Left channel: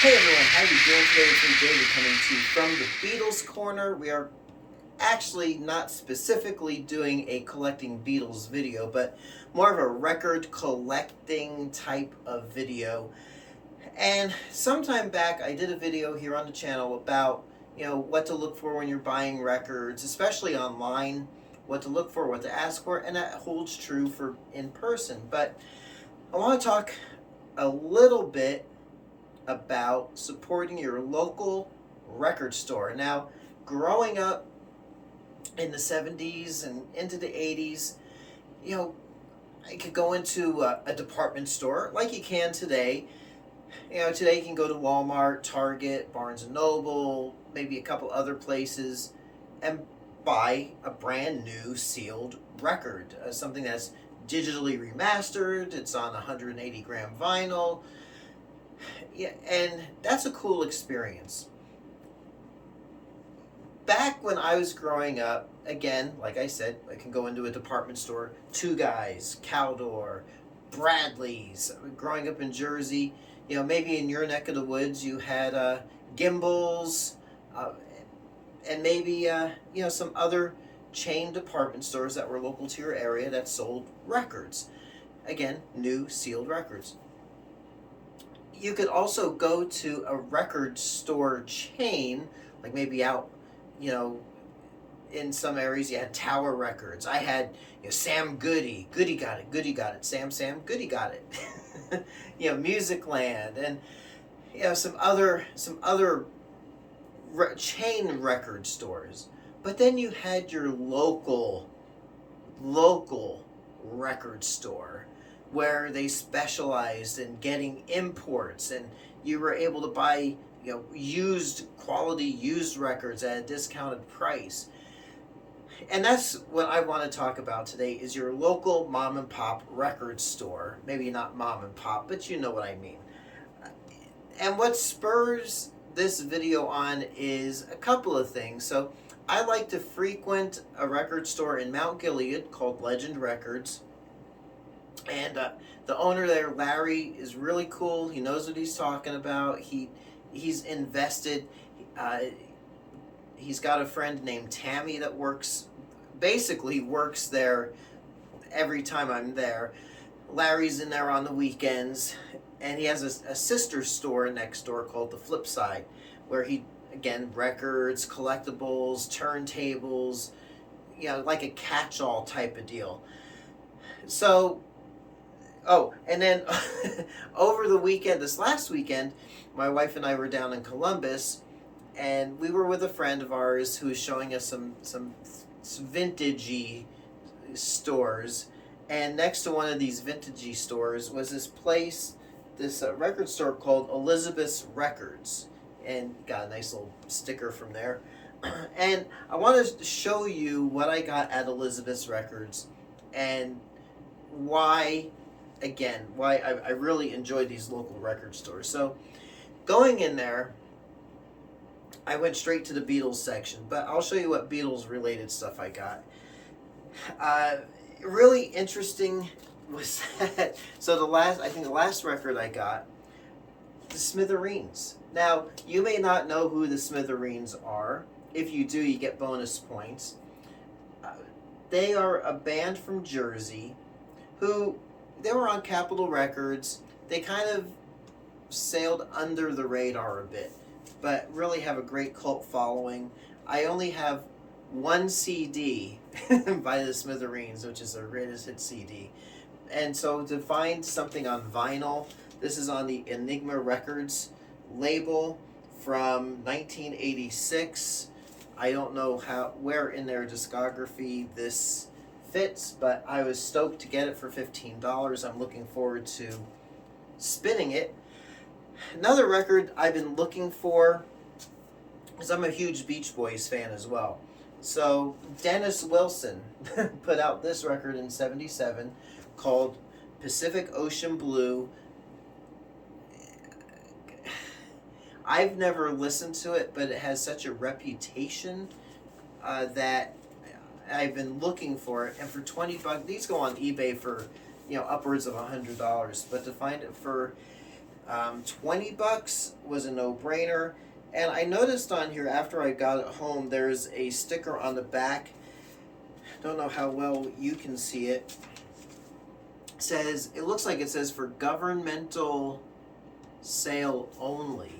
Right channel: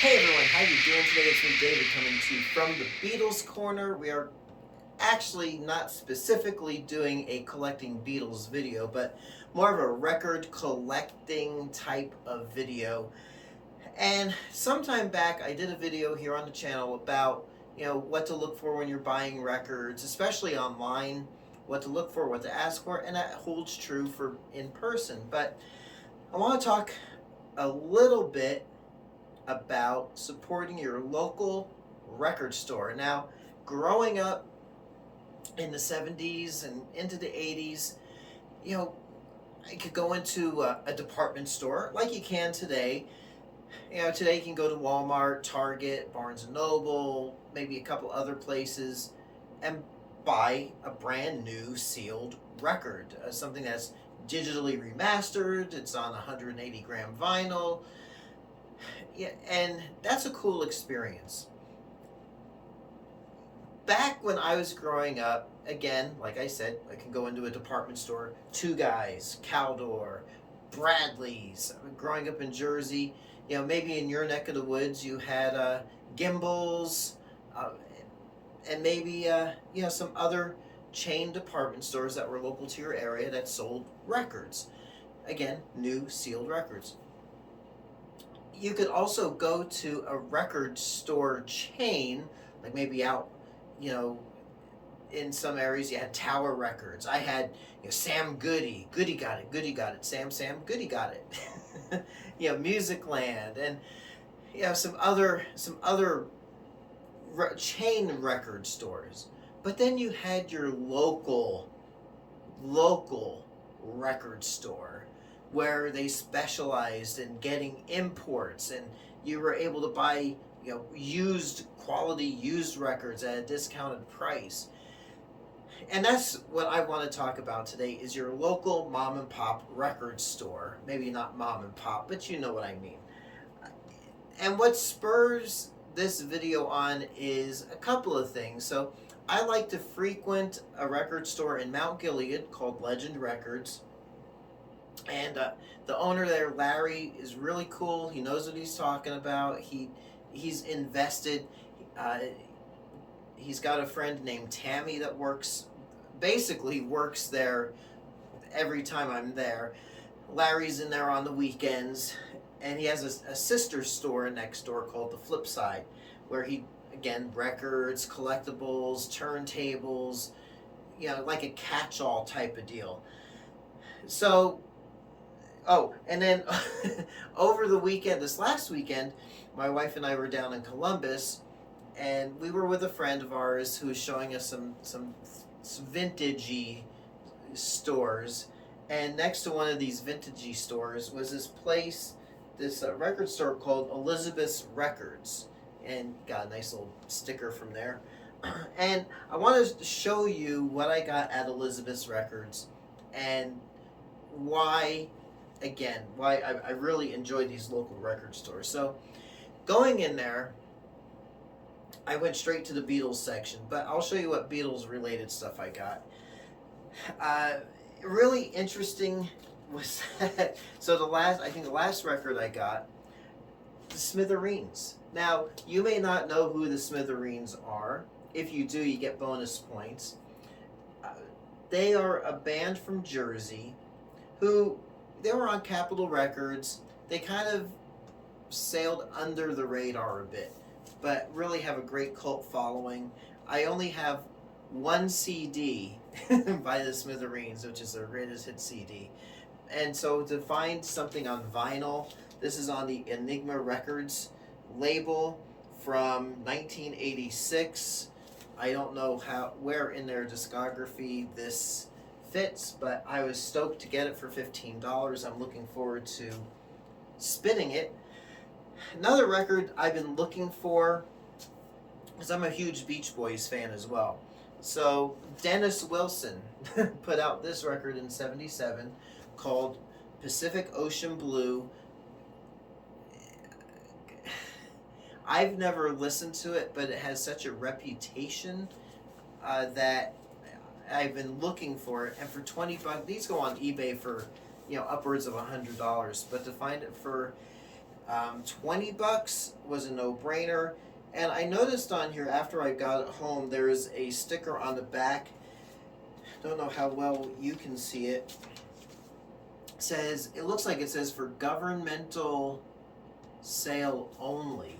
Hey everyone, how you doing today? It's me, David, coming to you from the Beatles Corner. We are actually not specifically doing a collecting Beatles video, but more of a record collecting type of video. And sometime back, I did a video here on the channel about, what to look for when you're buying records, especially online, what to look for, what to ask for, and that holds true for in person. But I want to talk a little bit about supporting your local record store. Now, growing up in the 70s and into the 80s, I could go into a department store like you can today. Today you can go to Walmart, Target, Barnes and Noble, maybe a couple other places, and buy a brand new sealed record, something that's digitally remastered. It's on 180 gram vinyl. Yeah, and that's a cool experience. Back when I was growing up, again, like I said, I can go into a department store, Two Guys, Caldor, Bradley's. Growing up in Jersey, maybe in your neck of the woods, you had Gimbals, and maybe some other chain department stores that were local to your area that sold records. Again, new sealed records. You could also go to a record store chain, like maybe out, in some areas you had Tower Records. I had Sam Goody, Goody got it, Sam Goody got it. Musicland, and some other chain record stores. But then you had your local record store where they specialized in getting imports, and you were able to buy quality used records at a discounted price. And that's what I want to talk about today, is your local mom and pop record store. Maybe not mom and pop, but you know what I mean. And what spurs this video on is a couple of things. So I like to frequent a record store in Mount Gilead called Legend Records. And the owner there, Larry, is really cool. He knows what he's talking about. He's invested. He's got a friend named Tammy that works there every time I'm there. Larry's in there on the weekends, and he has a sister store next door called The Flip Side, where he, again, records, collectibles, turntables, like a catch-all type of deal. So, and then over the weekend, this last weekend, my wife and I were down in Columbus, and we were with a friend of ours who was showing us some vintagey stores. And next to one of these vintagey stores was this record store called Elizabeth's Records, and got a nice little sticker from there. And I want to show you what I got at Elizabeth's Records and why I really enjoy these local record stores. So going in there, I went straight to the Beatles section, but I'll show you what Beatles related stuff I got. Really interesting was that, so the last record I got, the Smithereens. Now, you may not know who the Smithereens are. If you do, you get bonus points. They are a band from Jersey who, they were on Capitol Records. They kind of sailed under the radar a bit, but really have a great cult following. I only have one CD by the Smithereens, which is their greatest hit CD. And so to find something on vinyl, this is on the Enigma Records label from 1986. I don't know where in their discography this fits, but I was stoked to get it for $15. I'm looking forward to spinning it. Another record I've been looking for, because I'm a huge Beach Boys fan as well. So Dennis Wilson put out this record in '77 called Pacific Ocean Blue. I've never listened to it, but it has such a reputation that I've been looking for it. And for $20, these go on eBay for upwards of $100. But to find it for $20 was a no-brainer. And I noticed on here after I got it home, there's a sticker on the back. Don't know how well you can see it. It looks like it says for governmental sale only,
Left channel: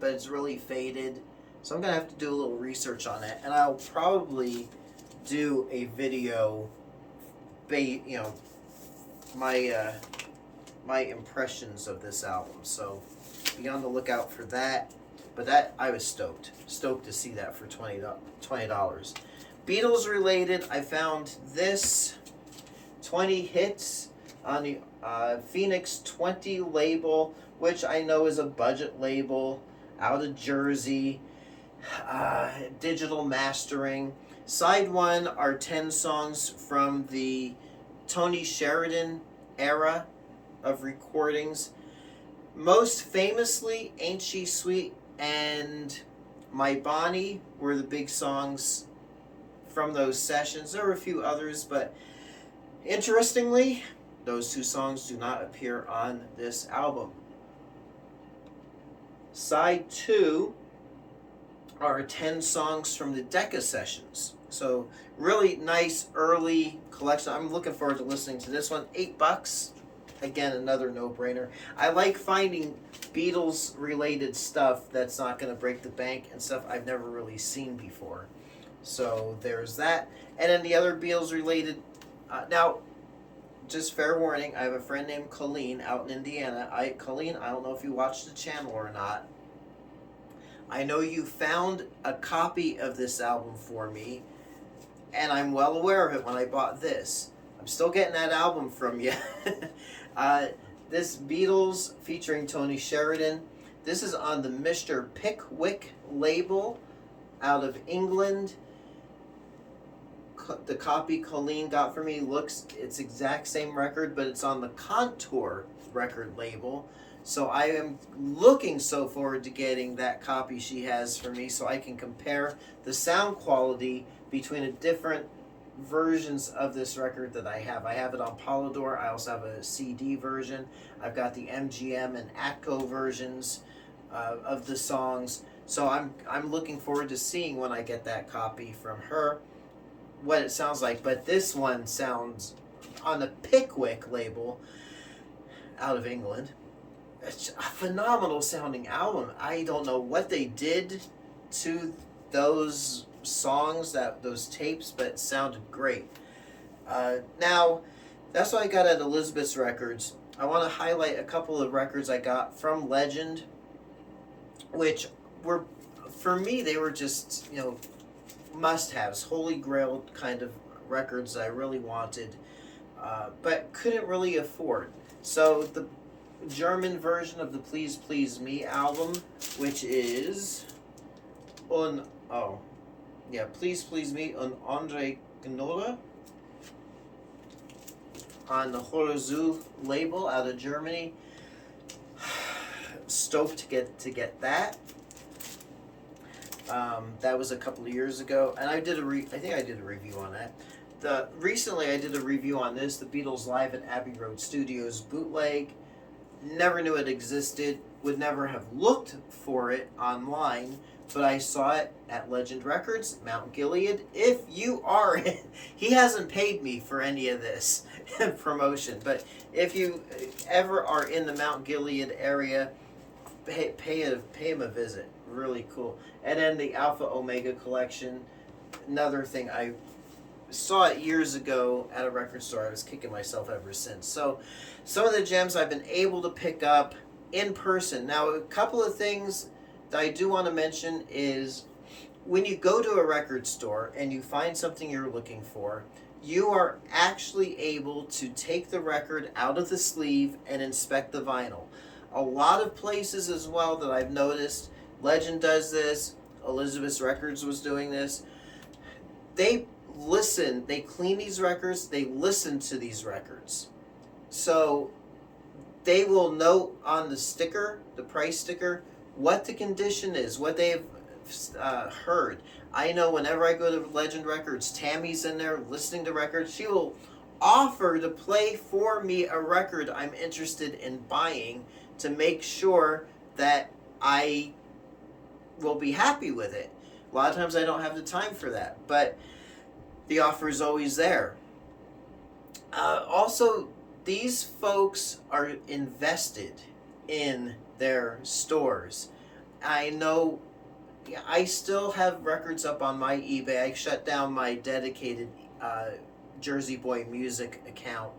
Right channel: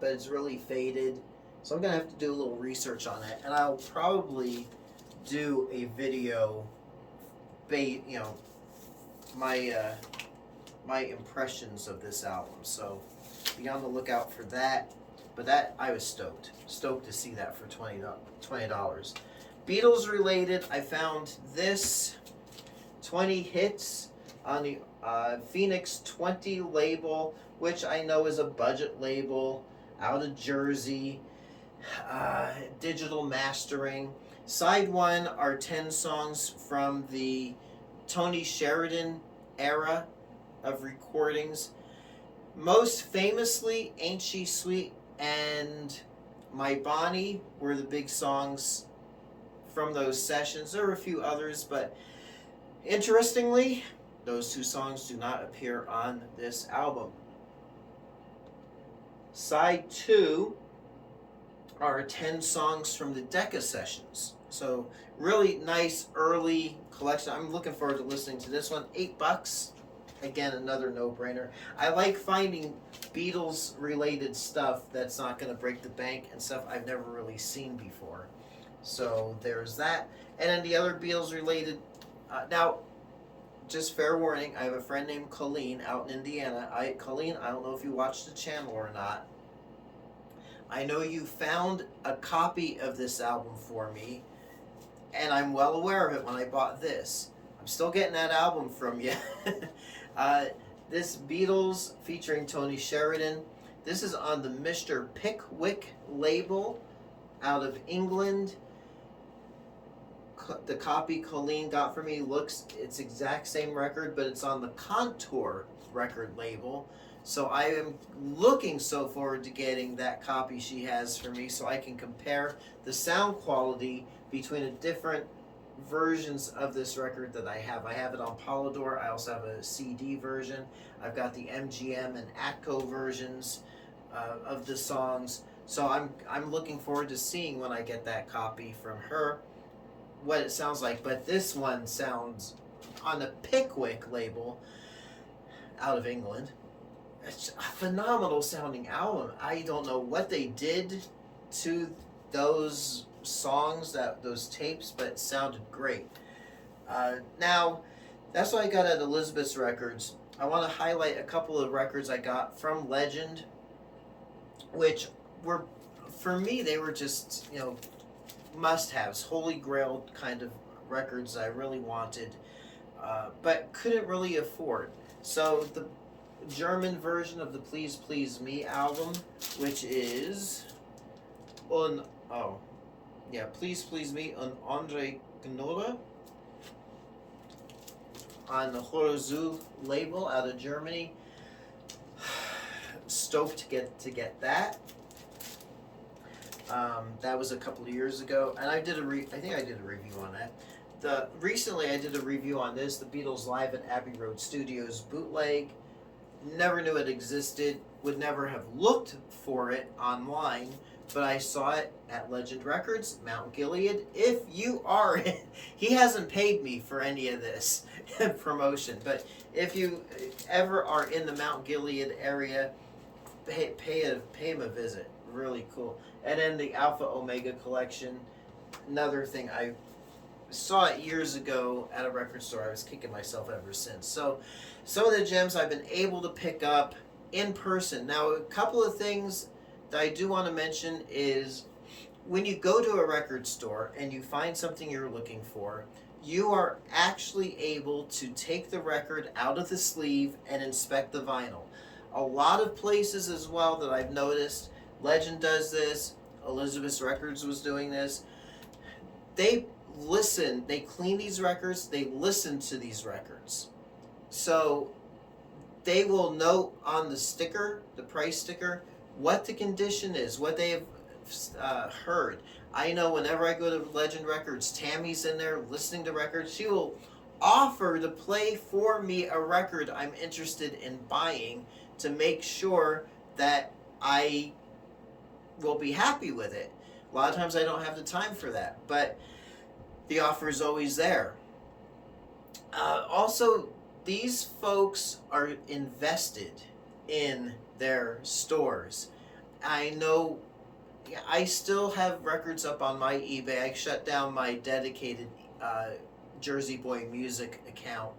but it's really faded. So I'm gonna have to do a little research on it, and I'll probably do a video, my my impressions of this album. So be on the lookout for that. But that, I was stoked to see that for $20. Beatles related, I found this 20 hits on the Phoenix 20 label, which I know is a budget label out of Jersey. Digital mastering. Side 1 are 10 songs from the Tony Sheridan era of recordings. Most famously, Ain't She Sweet and My Bonnie were the big songs from those sessions. There were a few others, but interestingly, those 2 songs do not appear on this album. Side 2 are 10 songs from the Decca sessions. So really nice early collection. I'm looking forward to listening to this one. $8. Again, another no-brainer. I like finding Beatles related stuff that's not going to break the bank and stuff I've never really seen before. So there's that. And then the other Beatles related, now just fair warning, I have a friend named Colleen out in Indiana. Colleen, I don't know if you watch the channel or not. I know you found a copy of this album for me, and I'm well aware of it when I bought this. I'm still getting that album from you. This Beatles featuring Tony Sheridan. This is on the Mr. Pickwick label out of England. The copy Colleen got for me it's exact same record, but it's on the Contour record label. So I am looking so forward to getting that copy she has for me so I can compare the sound quality between the different versions of this record that I have. I have it on Polydor. I also have a CD version. I've got the MGM and Atco versions of the songs. So I'm looking forward to seeing when I get that copy from her what it sounds like. But this one sounds on the Pickwick label out of England. It's a phenomenal sounding album. I don't know what they did to those songs, those tapes, but it sounded great. Now, that's what I got at Elizabeth's Records. I want to highlight a couple of records I got from Legend, which were, for me, they were just, must-haves, holy grail kind of records I really wanted, but couldn't really afford. So the German version of the Please Please Me album, which is Please Please Me on Andre Gnola on the Horozu label out of Germany. Stoked to get that. That was a couple of years ago, and I think I did a review on that. Recently I did a review on this, the Beatles Live at Abbey Road Studios bootleg. Never knew it existed, would never have looked for it online, but I saw it at Legend Records, Mount Gilead. If you are, he hasn't paid me for any of this promotion, but if you ever are in the Mount Gilead area, pay him a visit. Really cool. And then the Alpha Omega collection, another thing I saw it years ago at a record store. I was kicking myself ever since. So some of the gems I've been able to pick up in person. Now, a couple of things that I do want to mention is when you go to a record store and you find something you're looking for, you are actually able to take the record out of the sleeve and inspect the vinyl. A lot of places as well that I've noticed, Legend does this, Elizabeth's Records was doing this, they clean these records, they listen to these records. So they will note on the sticker, the price sticker, what the condition is, what they've heard. I know whenever I go to Legend Records, Tammy's in there listening to records. She will offer to play for me a record I'm interested in buying to make sure that I will be happy with it. A lot of times I don't have the time for that, but the offer is always there. Also, these folks are invested in their stores. I know I still have records up on my eBay. I shut down my dedicated Jersey Boy Music account,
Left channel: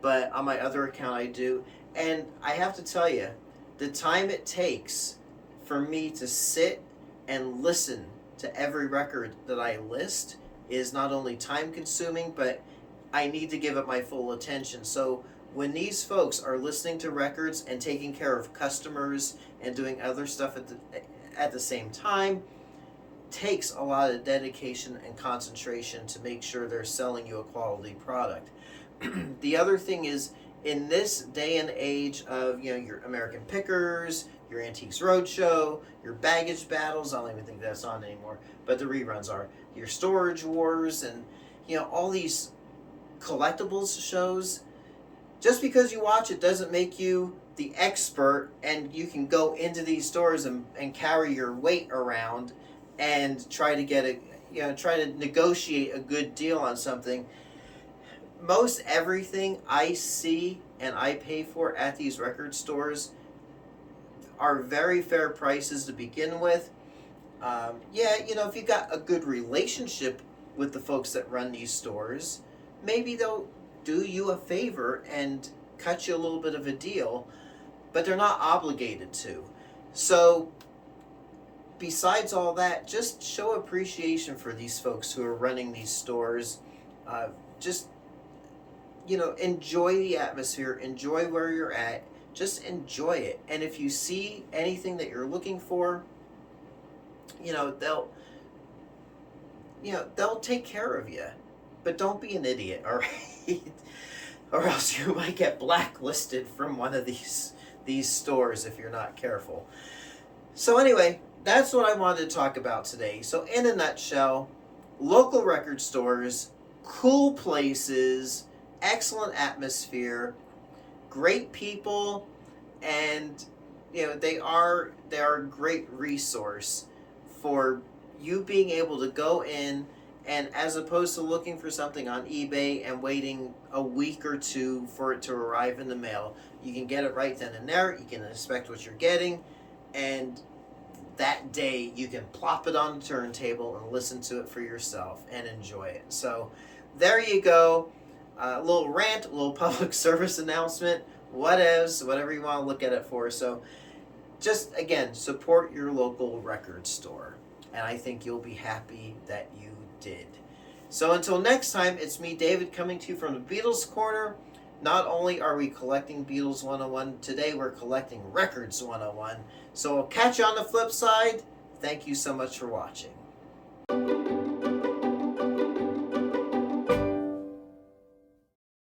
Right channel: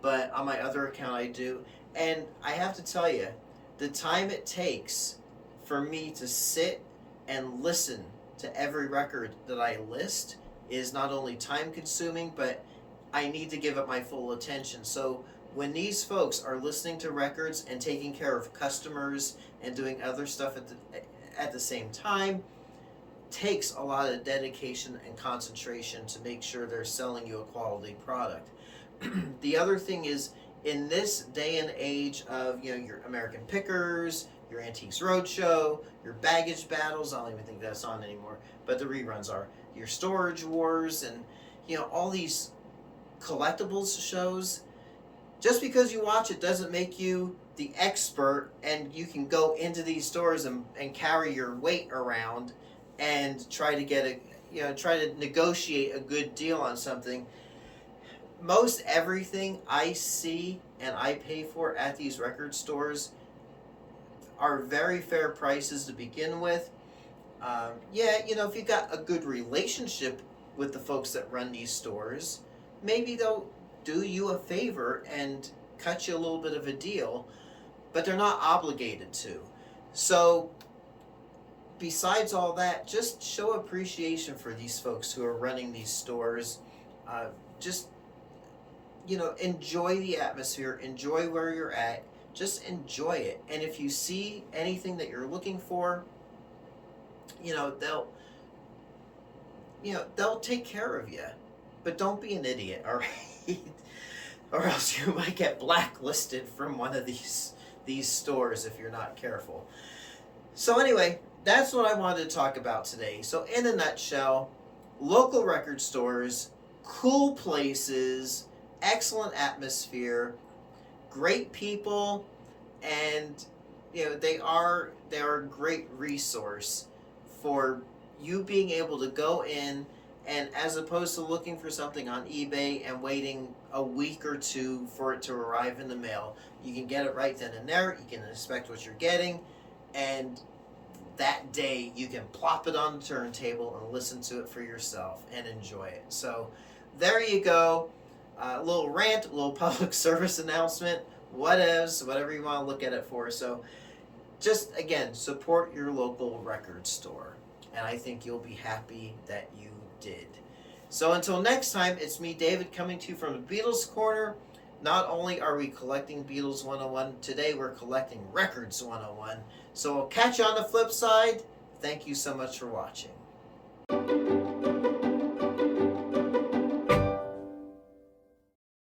but on my other account I do. And I have to tell you, the time it takes for me to sit and listen to every record that I list is not only time consuming, but I need to give it my full attention. So when these folks are listening to records and taking care of customers and doing other stuff at the same time, takes a lot of dedication and concentration to make sure they're selling you a quality product. The other thing is, in this day and age of, you know, your American Pickers, your Antiques Roadshow, your Baggage Battles, I don't even think that's on anymore, but the reruns are, your Storage Wars, and, you know, all these collectibles shows, just because you watch it doesn't make you the expert, and you can go into these stores and carry your weight around and try to get try to negotiate a good deal on something. Most everything I see and I pay for at these record stores are very fair prices to begin with. If you got a good relationship with the folks that run these stores, maybe they'll do you a favor and cut you a little bit of a deal, but they're not obligated to. So besides all that, just show appreciation for these folks who are running these stores. Enjoy the atmosphere, enjoy where you're at, just enjoy it. And if you see anything that you're looking for, they'll take care of you. But don't be an idiot, all right? Or else you might get blacklisted from one of these stores if you're not careful. So anyway, that's what I wanted to talk about today. So in a nutshell, local record stores, cool places, excellent atmosphere, great people, and they are a great resource for you being able to go in, and as opposed to looking for something on eBay and waiting a week or two for it to arrive in the mail, you can get it right then and there. You can inspect what you're getting, and that day you can plop it on the turntable and listen to it for yourself and enjoy it. So there you go. A little rant, a little public service announcement, whatever you want to look at it for. So just, again, support your local record store, and I think you'll be happy that you did. So until next time, it's me, David, coming to you from the Beatles Corner. Not only are we collecting Beatles 101, today we're collecting Records 101. So I'll catch you on the flip side. Thank you so much for watching.